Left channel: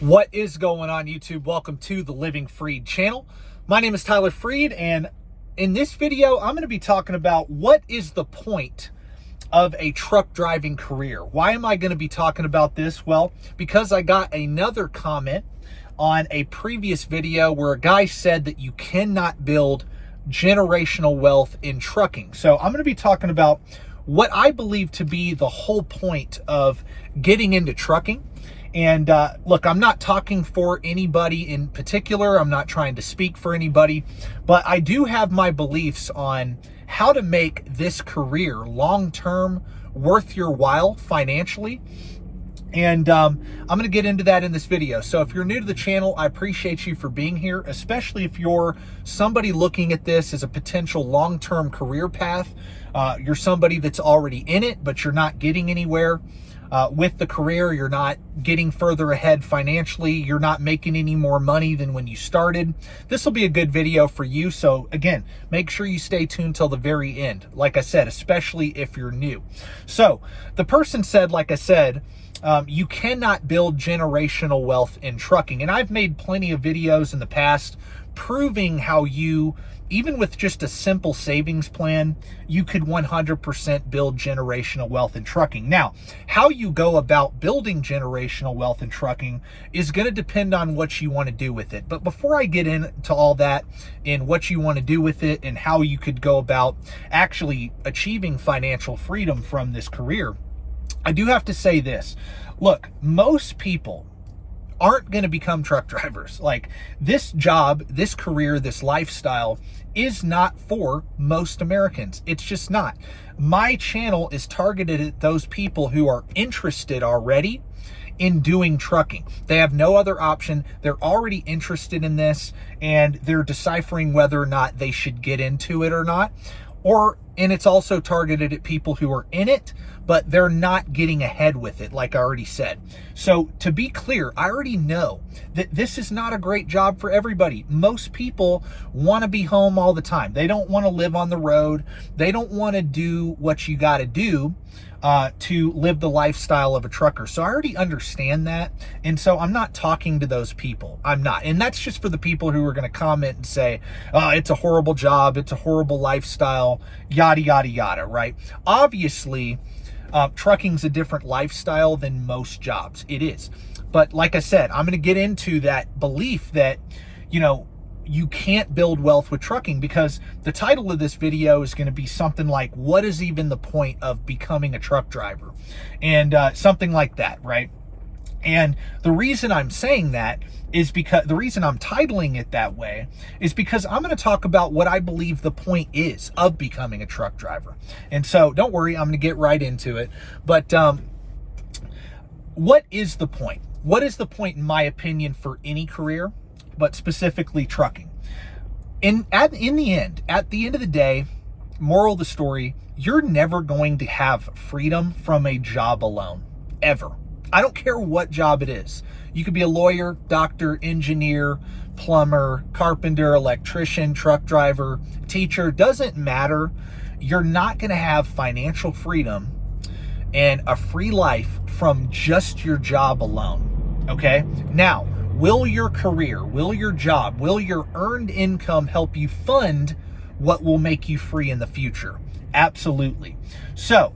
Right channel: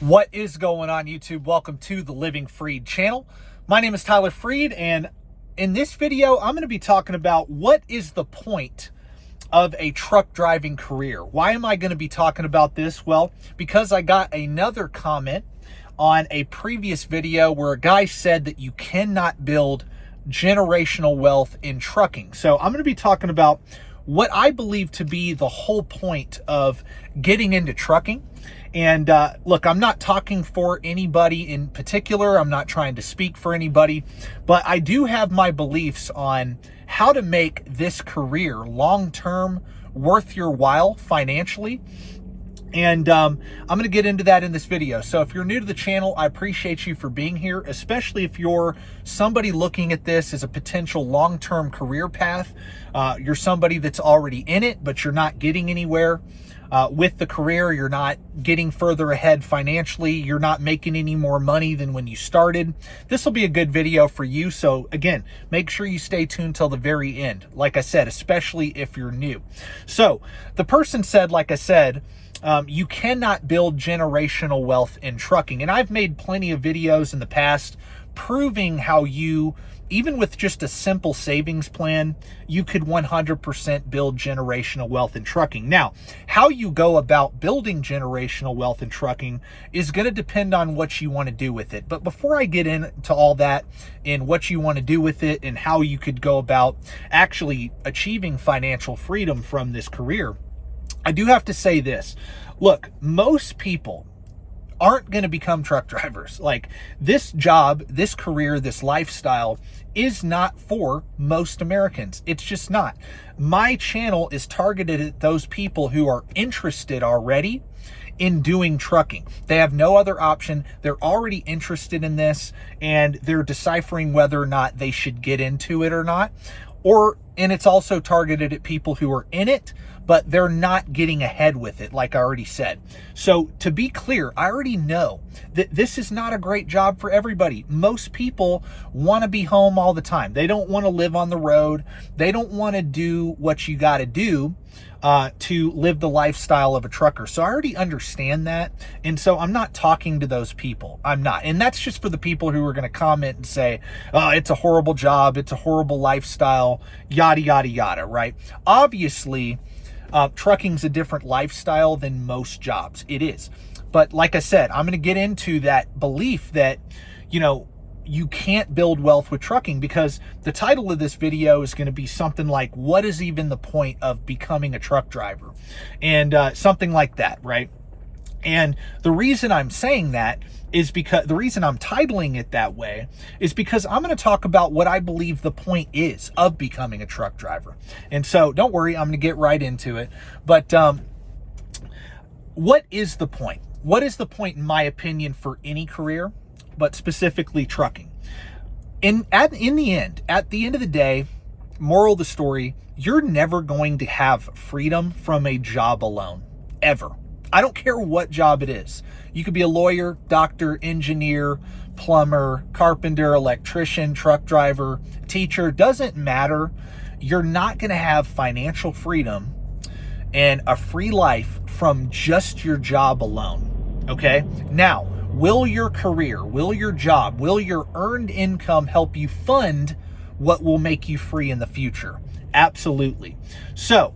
What is going on, YouTube? Welcome to the Living Freed channel. My name is Tyler Freed, and in this video, I'm going to be talking about what is the point of a truck driving career. Why am I going to be talking about this? Well, because I got another comment on a previous video where a guy said that you cannot build generational wealth in trucking. So I'm going to be talking about what I believe to be the whole point of getting into trucking. And look, I'm not talking for anybody in particular. I'm not trying to speak for anybody, but I do have my beliefs on how to make this career long-term worth your while financially. And I'm going to get into that in this video. So if you're new to the channel, I appreciate you for being here, especially if you're somebody looking at this as a potential long-term career path. You're somebody that's already in it, but you're not getting anywhere with the career. You're not getting further ahead financially. You're not making any more money than when you started. This will be a good video for you. So again, make sure you stay tuned till the very end. Like I said, especially if you're new. So the person said, like I said, you cannot build generational wealth in trucking. And I've made plenty of videos in the past proving how you, even with just a simple savings plan, you could 100% build generational wealth in trucking. Now, how you go about building generational wealth in trucking is going to depend on what you want to do with it. But before I get into all that and what you want to do with it and how you could go about actually achieving financial freedom from this career, I do have to say this. Look, most people aren't going to become truck drivers. Like, this job, this career, this lifestyle is not for most Americans. It's just not. My channel is targeted at those people who are interested already in doing trucking. They have no other option. They're already interested in this, and they're deciphering whether or not they should get into it or not. And it's also targeted at people who are in it, but they're not getting ahead with it, like I already said. So to be clear, I already know that this is not a great job for everybody. Most people want to be home all the time. They don't want to live on the road. They don't want to do what you got to do to live the lifestyle of a trucker. So I already understand that. And so I'm not talking to those people. I'm not. And that's just for the people who are going to comment and say, oh, it's a horrible job. It's a horrible lifestyle, yada, yada, yada, right? Obviously, trucking's a different lifestyle than most jobs. It is. But like I said, I'm going to get into that belief that, you can't build wealth with trucking, because the title of this video is going to be something like, what is even the point of becoming a truck driver? And something like that, right? And the reason I'm saying that is because the reason I'm titling it that way is because I'm going to talk about what I believe the point is of becoming a truck driver. And so don't worry, I'm going to get right into it. But what is the point? What is the point, in my opinion, for any career, but specifically trucking? At the end of the day, moral of the story, you're never going to have freedom from a job alone, ever. I don't care what job it is. You could be a lawyer, doctor, engineer, plumber, carpenter, electrician, truck driver, teacher, doesn't matter. You're not going to have financial freedom and a free life from just your job alone, okay? Now, will your career, will your job, will your earned income help you fund what will make you free in the future? Absolutely. So,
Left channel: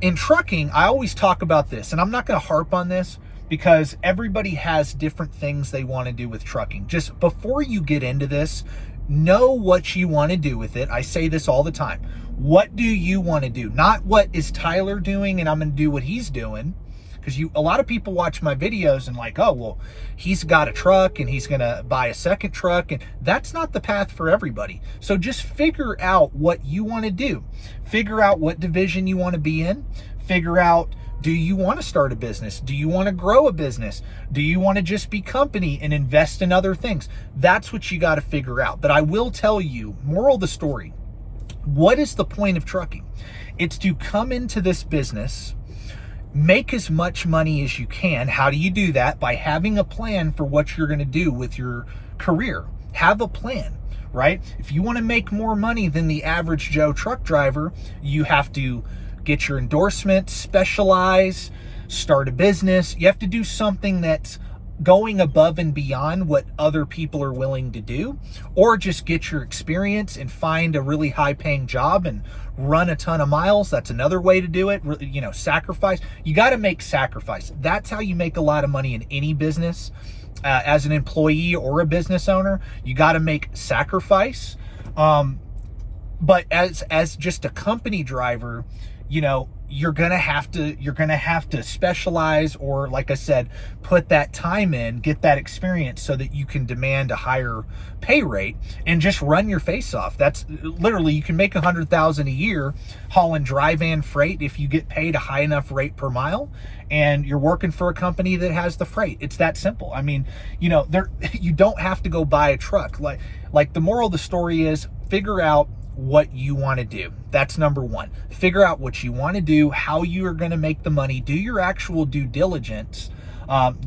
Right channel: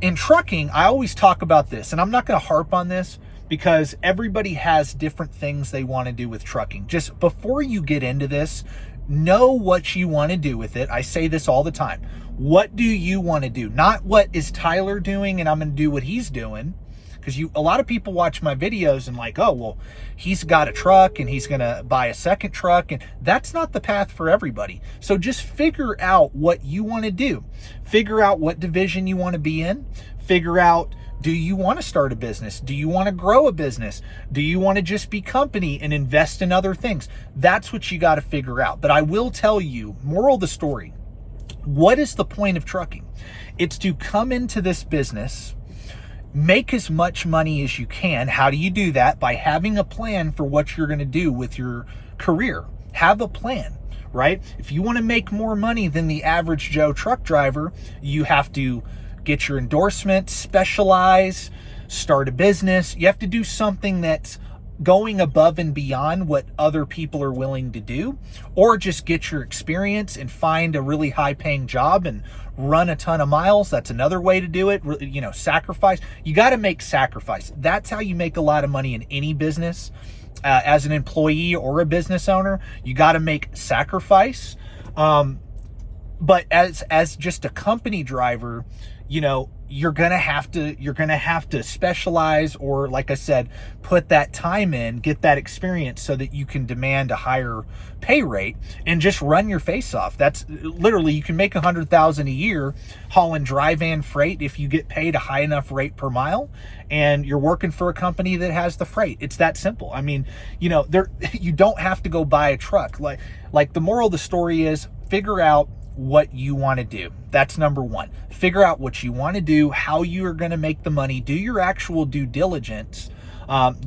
in trucking, I always talk about this, and I'm not going to harp on this because everybody has different things they want to do with trucking. Just before you get into this, know what you want to do with it. I say this all the time. What do you want to do? Not what is Tyler doing and I'm going to do what he's doing. Because a lot of people watch my videos and like, oh, well, he's got a truck and he's going to buy a second truck. And that's not the path for everybody. So just figure out what you want to do. Figure out what division you want to be in. Figure out, do you want to start a business? Do you want to grow a business? Do you want to just be company and invest in other things? That's what you got to figure out. But I will tell you, moral of the story, what is the point of trucking? It's to come into this business, make as much money as you can. How do you do that? By having a plan for what you're going to do with your career. Have a plan, right? If you want to make more money than the average Joe truck driver, you have to get your endorsements, specialize, start a business. You have to do something that's going above and beyond what other people are willing to do, or just get your experience and find a really high paying job and run a ton of miles. That's another way to do it. You know, sacrifice. You got to make sacrifice. That's how you make a lot of money in any business. As an employee or a business owner, you got to make sacrifice. But as just a company driver, you know, you're gonna have to specialize, or like I said, put that time in, get that experience so that you can demand a higher pay rate and just run your face off. That's literally, you can make $100,000 a year hauling dry van freight if you get paid a high enough rate per mile and you're working for a company that has the freight. It's that simple. I mean, you know, you don't have to go buy a truck. Like the moral of the story is, figure out what you want to do. That's number one. Figure out what you want to do, how you are going to make the money, do your actual due diligence,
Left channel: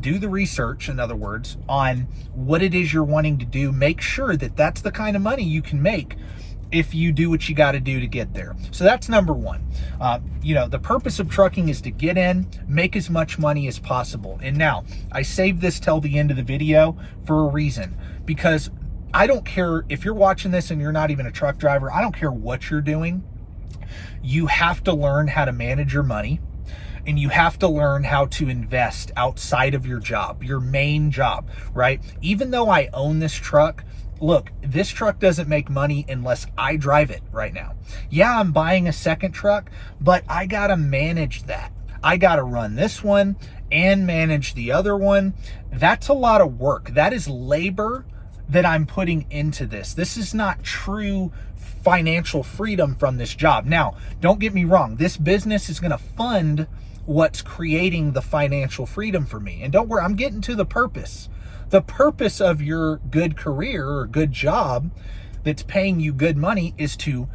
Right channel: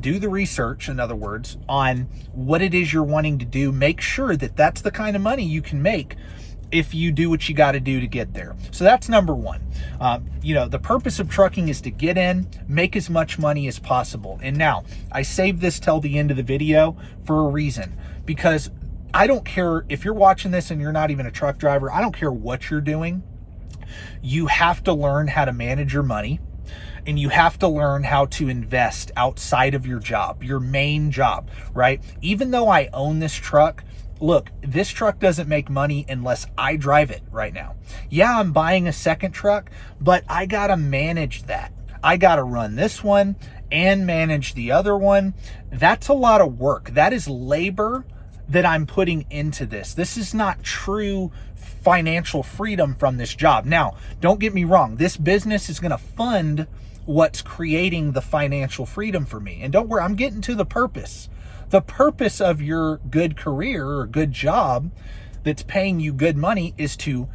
do the research, in other words, on what it is you're wanting to do. Make sure that that's the kind of money you can make if you do what you got to do to get there. So that's number one. You know, the purpose of trucking is to get in, make as much money as possible. And now, I saved this till the end of the video for a reason, because I don't care if you're watching this and you're not even a truck driver. I don't care what you're doing. You have to learn how to manage your money, and you have to learn how to invest outside of your job, your main job, right? Even though I own this truck, look, this truck doesn't make money unless I drive it right now. Yeah, I'm buying a second truck, but I got to manage that. I got to run this one and manage the other one. That's a lot of work. That is labor that I'm putting into this. This is not true financial freedom from this job. Now, don't get me wrong. This business is going to fund what's creating the financial freedom for me. And don't worry, I'm getting to the purpose. The purpose of your good career or good job that's paying you good money is to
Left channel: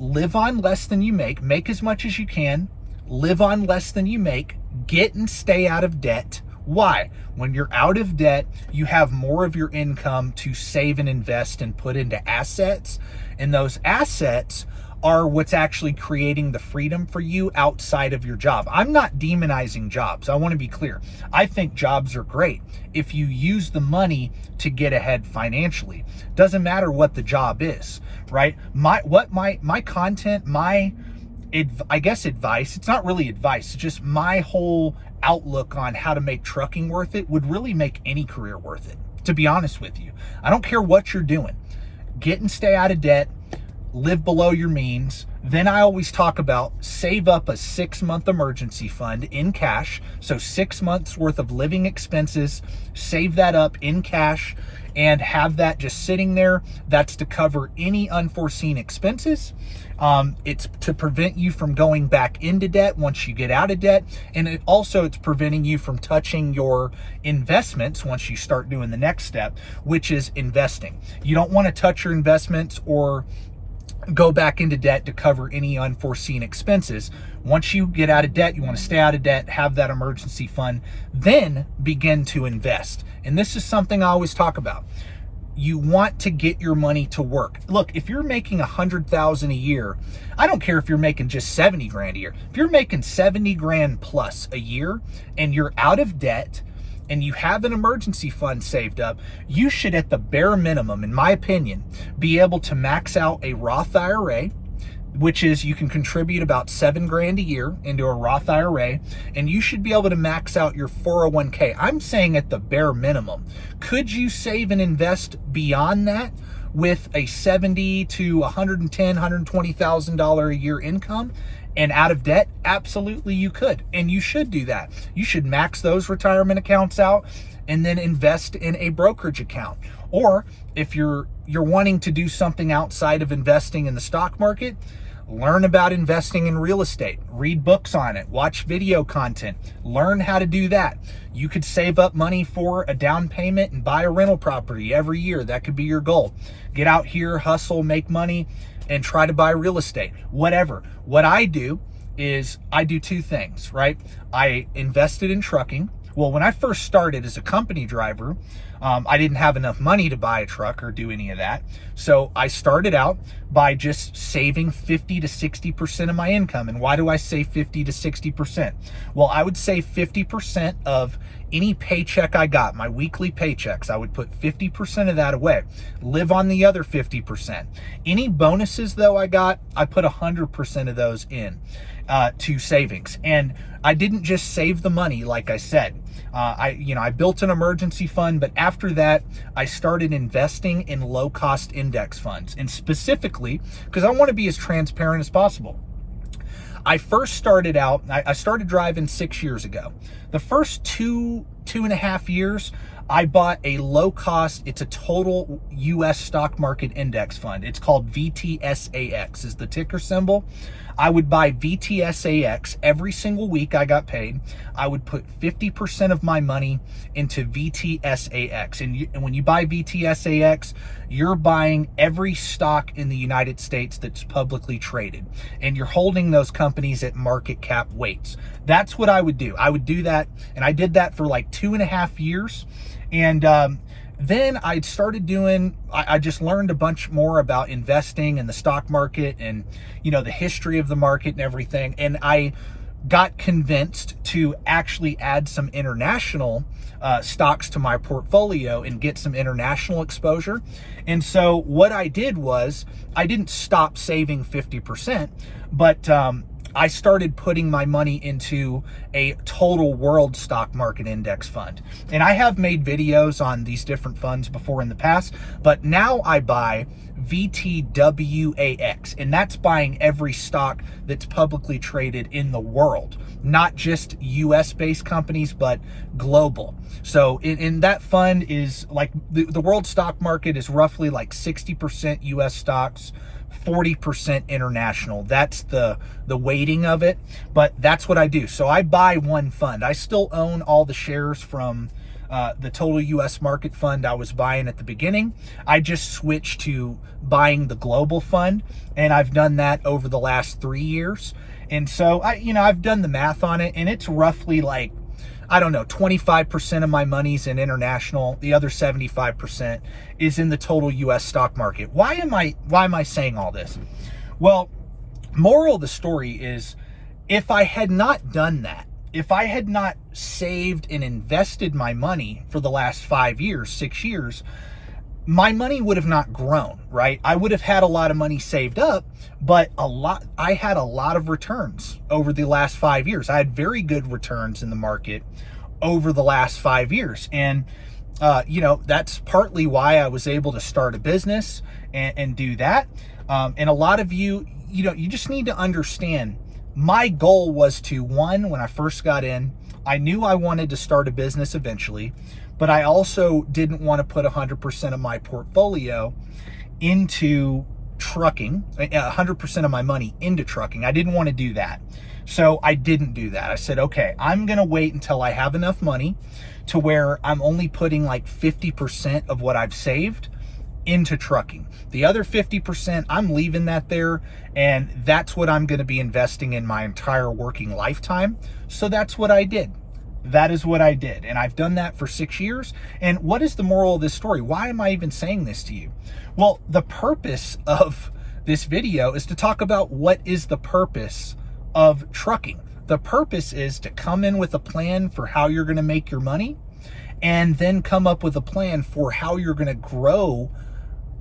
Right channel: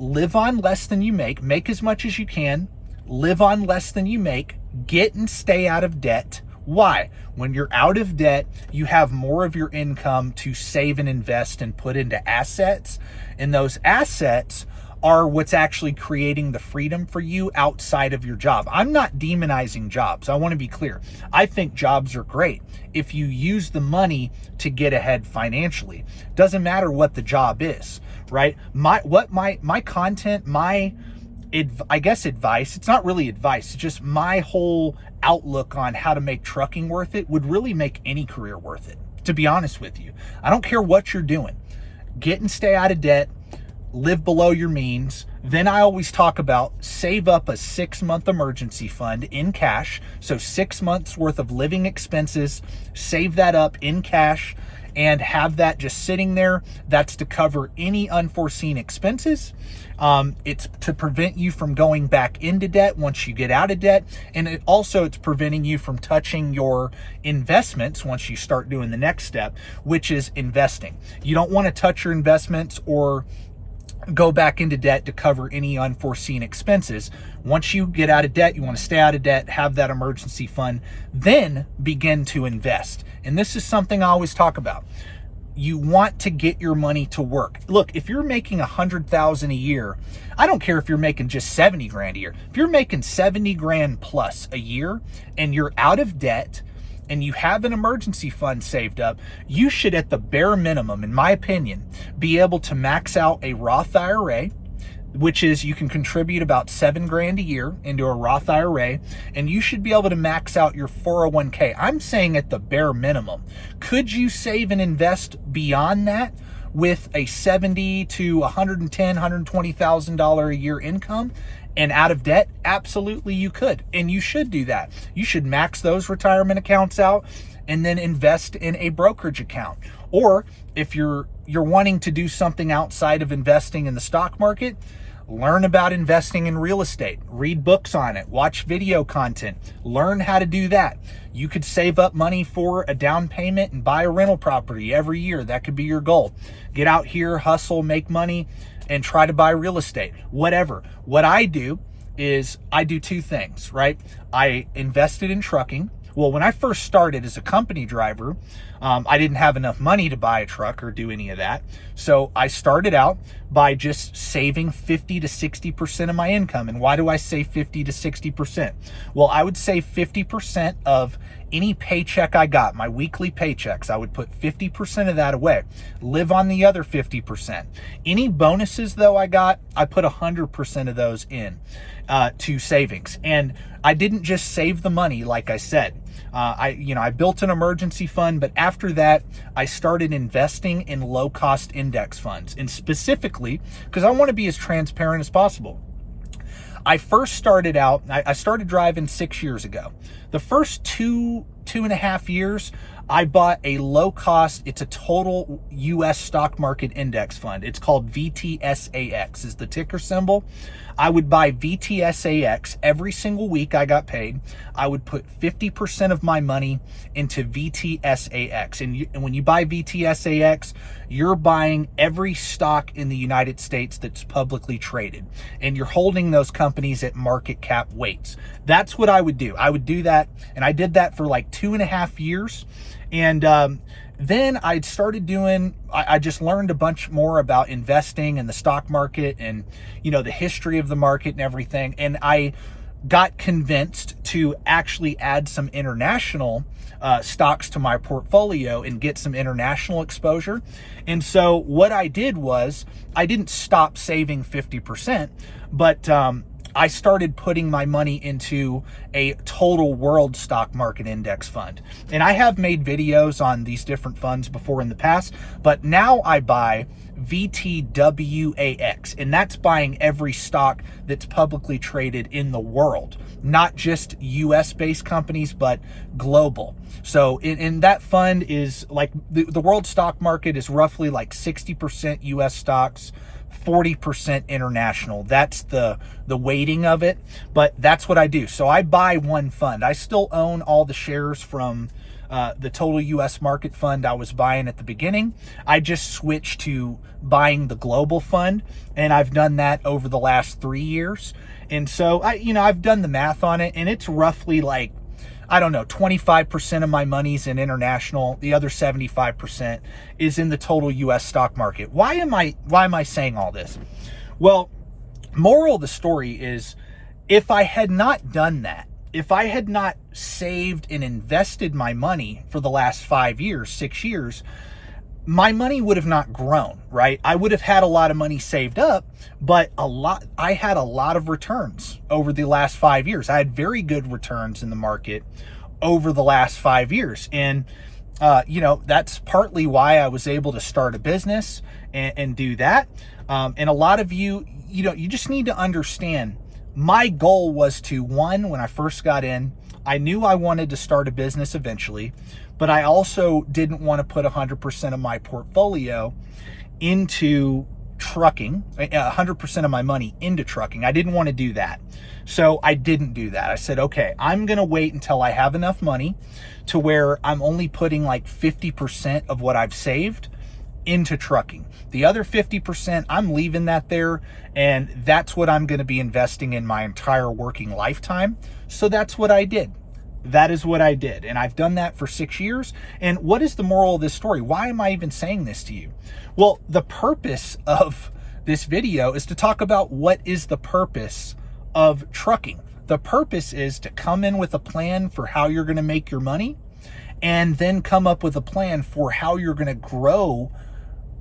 live on less than you make as much as you can, live on less than you make, get and stay out of debt. Why? When you're out of debt, you have more of your income to save and invest and put into assets. And those assets are what's actually creating the freedom for you outside of your job. I'm not demonizing jobs. I want to be clear. I think jobs are great if you use the money to get ahead financially. Doesn't matter what the job is, right? My content, I guess advice, it's not really advice, it's just my whole outlook on how to make trucking worth it would really make any career worth it, to be honest with you. I don't care what you're doing. Get and stay out of debt, live below your means. Then I always talk about save up a 6-month emergency fund in cash. So 6 months worth of living expenses, save that up in cash and have that just sitting there. That's to cover any unforeseen expenses. It's to prevent you from going back into debt once you get out of debt. And it's preventing you from touching your investments once you start doing the next step, which is investing. You don't want to touch your investments or go back into debt to cover any unforeseen expenses. Once you get out of debt, you want to stay out of debt, have that emergency fund, then begin to invest. And this is something I always talk about. You want to get your money to work. Look, if you're making $100,000 a year, I don't care if you're making just 70 grand a year. If you're making 70 grand plus a year and you're out of debt and you have an emergency fund saved up, you should, at the bare minimum, in my opinion, be able to max out a Roth IRA, which is you can contribute about 7 grand a year into a Roth IRA, and you should be able to max out your 401k. I'm saying at the bare minimum. Could you save and invest beyond that with a $70 to $110,000, $120,000 a year income and out of debt? Absolutely you could, and you should do that. You should max those retirement accounts out and then invest in a brokerage account. Or if you're wanting to do something outside of investing in the stock market, learn about investing in real estate, read books on it, watch video content, learn how to do that. You could save up money for a down payment and buy a rental property every year. That could be your goal. Get out here, hustle, make money, and try to buy real estate, whatever. What I do is I do two things, right? I invested in trucking. Well, when I first started as a company driver, I didn't have enough money to buy a truck or do any of that. So I started out by just saving 50 to 60% of my income. And why do I say 50 to 60%? Well, I would say 50% of Any paycheck I got, my weekly paychecks, I would put 50% of that away, live on the other 50%. Any bonuses though I got, I put 100% of those in to savings. And I didn't just save the money, like I said. I built an emergency fund, but after that, I started investing in low-cost index funds. And specifically, because I want to be as transparent as possible, I first started out, I started driving 6 years ago. The first two and a half years, I bought a low cost, it's a total US stock market index fund. It's called VTSAX is the ticker symbol. I would buy VTSAX every single week I got paid. I would put 50% of my money into VTSAX. And when you buy VTSAX, you're buying every stock in the United States that's publicly traded. And you're holding those companies at market cap weights. That's what I would do. I would do that. And I did that for like 2.5 years. And then I started doing, I just learned a bunch more about investing in the stock market and, the history of the market and everything. And I got convinced to actually add some international stocks to my portfolio and get some international exposure. And so what I did was I didn't stop saving 50%, but I started putting my money into a total world stock market index fund. And I have made videos on these different funds before in the past, but now I buy VTWAX, and that's buying every stock that's publicly traded in the world, not just US based companies, but global. So in that fund is like the world stock market is roughly like 60% US stocks, 40% international. That's the weighting of it, but that's what I do. So I buy one fund. I still own all the shares from the total US market fund I was buying at the beginning. I just switched to buying the global fund, and I've done that over the last 3 years. And so I've done the math on it, and it's roughly like, I don't know, 25% of my money's in international. The other 75% is in the total US stock market. Why am I saying all this? Well, moral of the story is, if I had not done that, if I had not saved and invested my money for the last 5 years, 6 years, my money would have not grown, right? I would have had a lot of money saved up, but I had a lot of returns over the last 5 years. I had very good returns in the market over the last 5 years. And, that's partly why I was able to start a business and do that. And a lot of you just need to understand, my goal was to, one, when I first got in, I knew I wanted to start a business eventually, but I also didn't want to put 100% of my portfolio into trucking, 100% of my money into trucking. I didn't want to do that. So I didn't do that. I said, okay, I'm going to wait until I have enough money to where I'm only putting like 50% of what I've saved into trucking. The other 50%, I'm leaving that there, and that's what I'm going to be investing in my entire working lifetime. So that's what I did. That is what I did. And I've done that for 6 years. And what is the moral of this story? Why am I even saying this to you? Well, the purpose of this video is to talk about what is the purpose of trucking. The purpose is to come in with a plan for how you're going to make your money, and then come up with a plan for how you're going to grow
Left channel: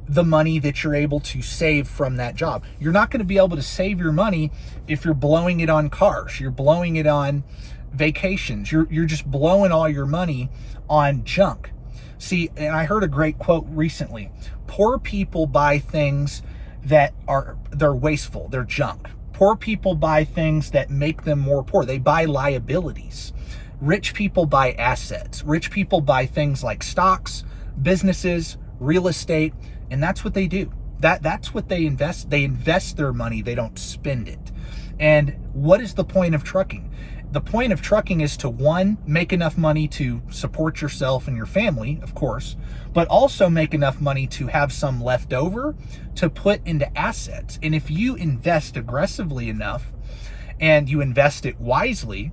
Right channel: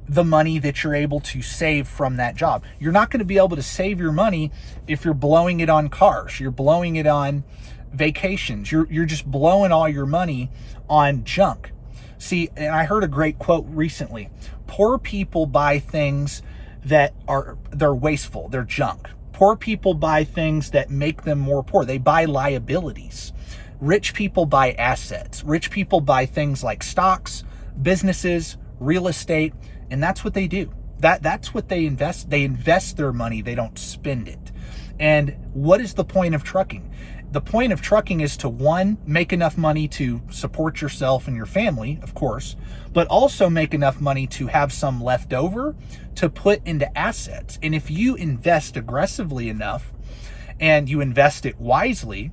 the money that you're able to save from that job. You're not going to be able to save your money if you're blowing it on cars. You're blowing it on vacations. You're just blowing all your money on junk. See, and I heard a great quote recently. Poor people buy things they're wasteful. They're junk. Poor people buy things that make them more poor. They buy liabilities. Rich people buy assets. Rich people buy things like stocks, businesses, real estate, and that's what they do. That's what they invest. They invest their money. They don't spend it. And what is the point of trucking? The point of trucking is to, one, make enough money to support yourself and your family, of course, but also make enough money to have some left over to put into assets. And if you invest aggressively enough and you invest it wisely,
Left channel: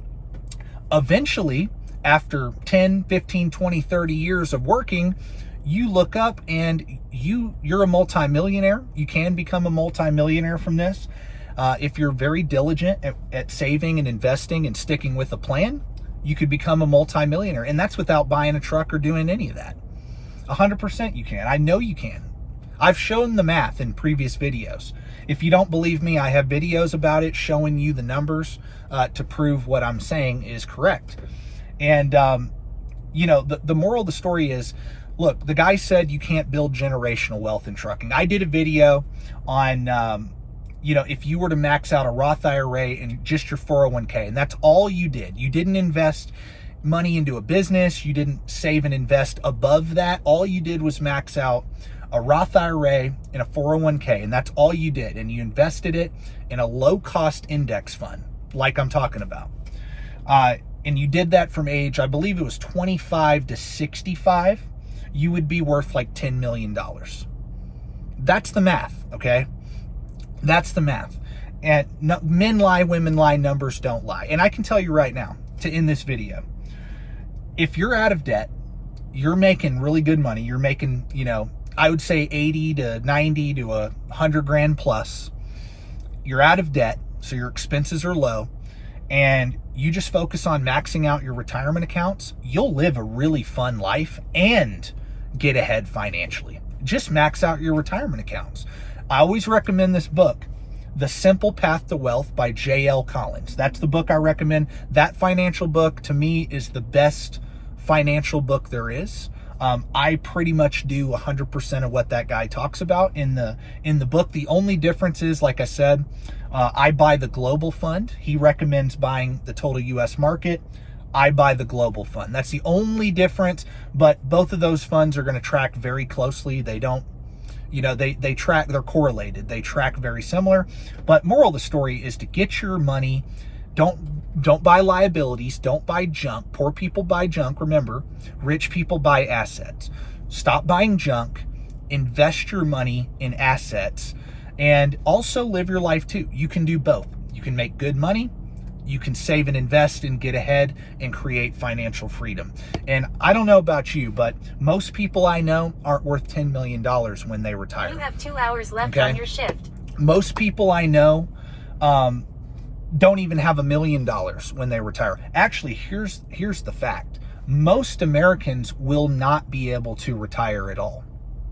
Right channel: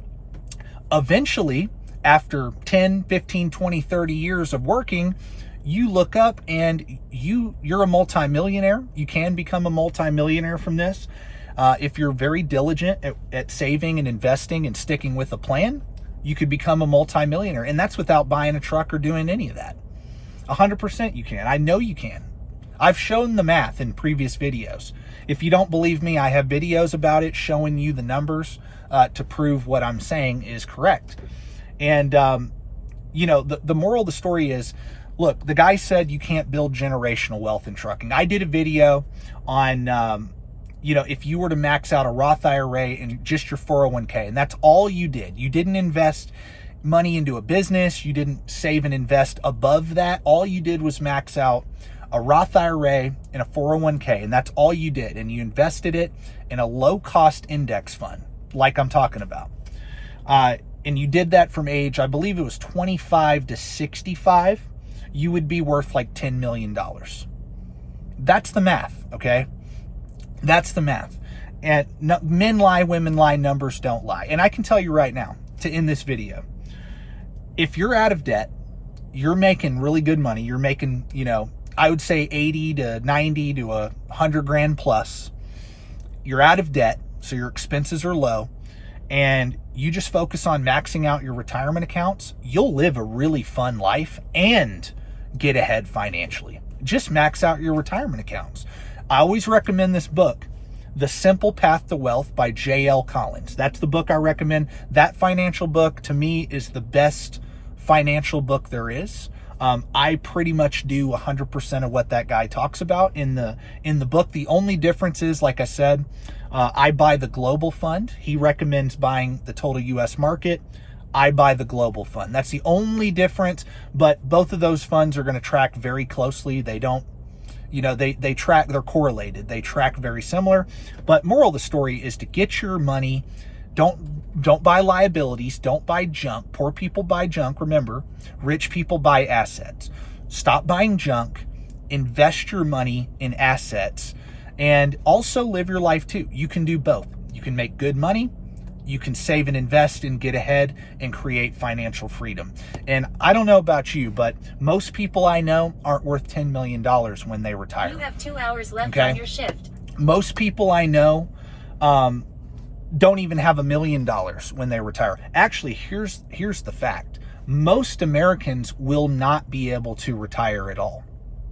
eventually, after 10, 15, 20, 30 years of working, you look up and you're a multimillionaire. You can become a multimillionaire from this. If you're very diligent at saving and investing and sticking with a plan, you could become a multimillionaire. And that's without buying a truck or doing any of that. 100% you can. I know you can. I've shown the math in previous videos. If you don't believe me, I have videos about it showing you the numbers to prove what I'm saying is correct. And, you know, the moral of the story is, look, the guy said you can't build generational wealth in trucking. I did a video on, you know, if you were to max out a Roth IRA and just your 401k, and that's all you did. You didn't invest money into a business. You didn't save and invest above that. All you did was max out a Roth IRA and a 401k, and that's all you did. And you invested it in a low-cost index fund, like I'm talking about. And you did that from age, I believe it was 25 to 65, you would be worth like $10 million. That's the math, okay? That's the math. And no, men lie, women lie, numbers don't lie. And I can tell you right now, to end this video, if you're out of debt, you're making really good money. You're making, you know, I would say 80 to 90 to 100 grand plus. You're out of debt, so your expenses are low, and you just focus on maxing out your retirement accounts, you'll live a really fun life and get ahead financially. Just max out your retirement accounts. I always recommend this book, The Simple Path to Wealth by J.L. Collins. That's the book I recommend. That financial book, to me, is the best financial book there is. I pretty much do 100% of what that guy talks about in the book. The only difference is, like I said, I buy the global fund. He recommends buying the total U.S. market. I buy the global fund. That's the only difference, but both of those funds are going to track very closely. They don't, you know, they track, they're correlated. They track very similar. But moral of the story is to get your money. Don't buy liabilities. Don't buy junk. Poor people buy junk. Remember, rich people buy assets. Stop buying junk. Invest your money in assets, and also live your life too. You can do both. You can make good money. You can save and invest and get ahead and create financial freedom. And I don't know about you, but most people I know aren't worth $10 million when they retire. You have 2 hours left on your shift. Most people I know, don't even have $1 million when they retire. Actually, here's the fact. Most Americans will not be able to retire at all.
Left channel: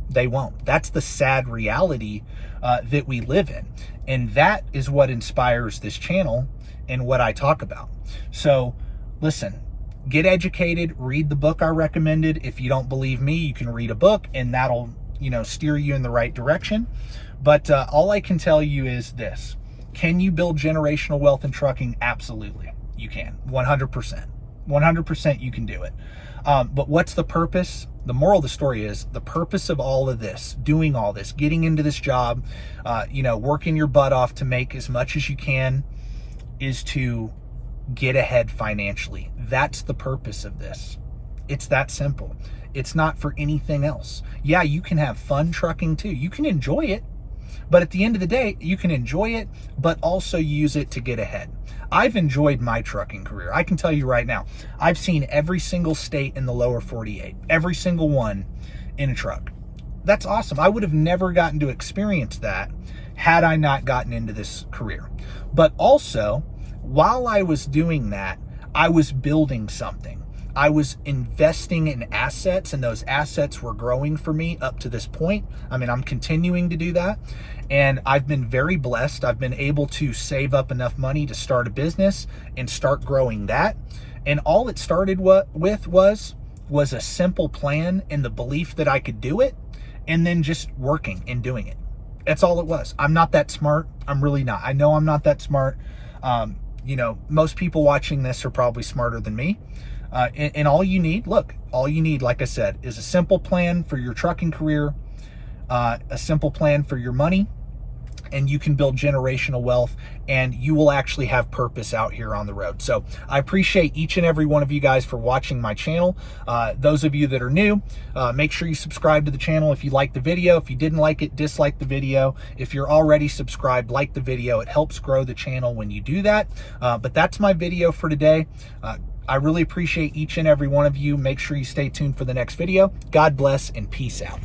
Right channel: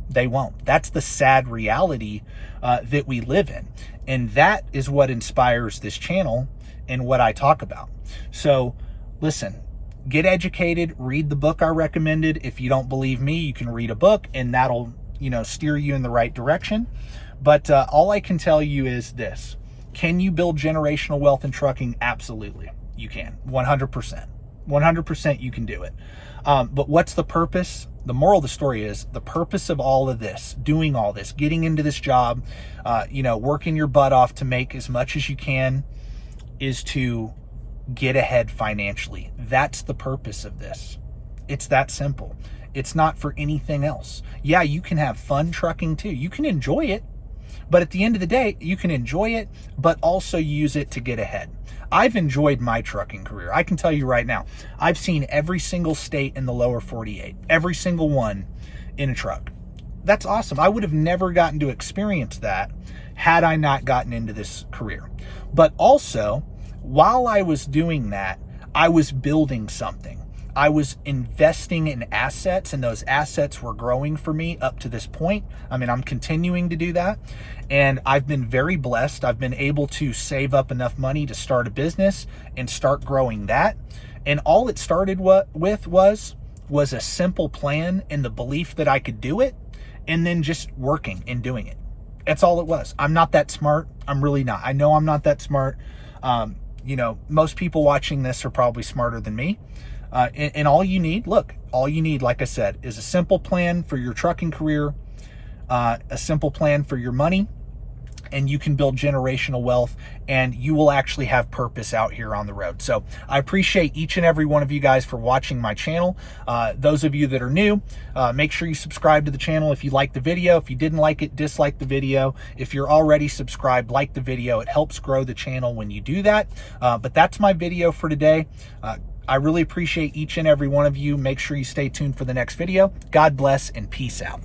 They won't. That's the sad reality that we live in. And that is what inspires this channel and what I talk about. So listen, get educated, read the book I recommended. If you don't believe me, you can read a book and that'll, you know, steer you in the right direction. But all I can tell you is this. Can you build generational wealth in trucking? Absolutely. You can. 100%. 100% you can do it. But what's the purpose? The moral of the story is the purpose of all of this, doing all this, getting into this job, you know, working your butt off to make as much as you can, is to get ahead financially. That's the purpose of this. It's that simple. It's not for anything else. Yeah, you can have fun trucking too. You can enjoy it. But at the end of the day, you can enjoy it, but also use it to get ahead. I've enjoyed my trucking career. I can tell you right now, I've seen every single state in the lower 48, every single one in a truck. That's awesome. I would have never gotten to experience that had I not gotten into this career. But also, while I was doing that, I was building something. I was investing in assets, and those assets were growing for me up to this point. I mean, I'm continuing to do that, and I've been very blessed. I've been able to save up enough money to start a business and start growing that. And all it started with was a simple plan and the belief that I could do it, and then just working and doing it. That's all it was. I'm not that smart. I'm really not. I know I'm not that smart. You know, most people watching this are probably smarter than me. And all you need, like I said, is a simple plan for your trucking career, a simple plan for your money, and you can build generational wealth, and you will actually have purpose out here on the road. So I appreciate each and every one of you guys for watching my channel. Those of you that are new, make sure you subscribe to the channel if you like the video. If you didn't like it, dislike the video. If you're already subscribed, like the video. It helps grow the channel when you do that. But that's my video for today. I really appreciate each and every one of you. Make sure you stay tuned for the next video. God bless and peace out.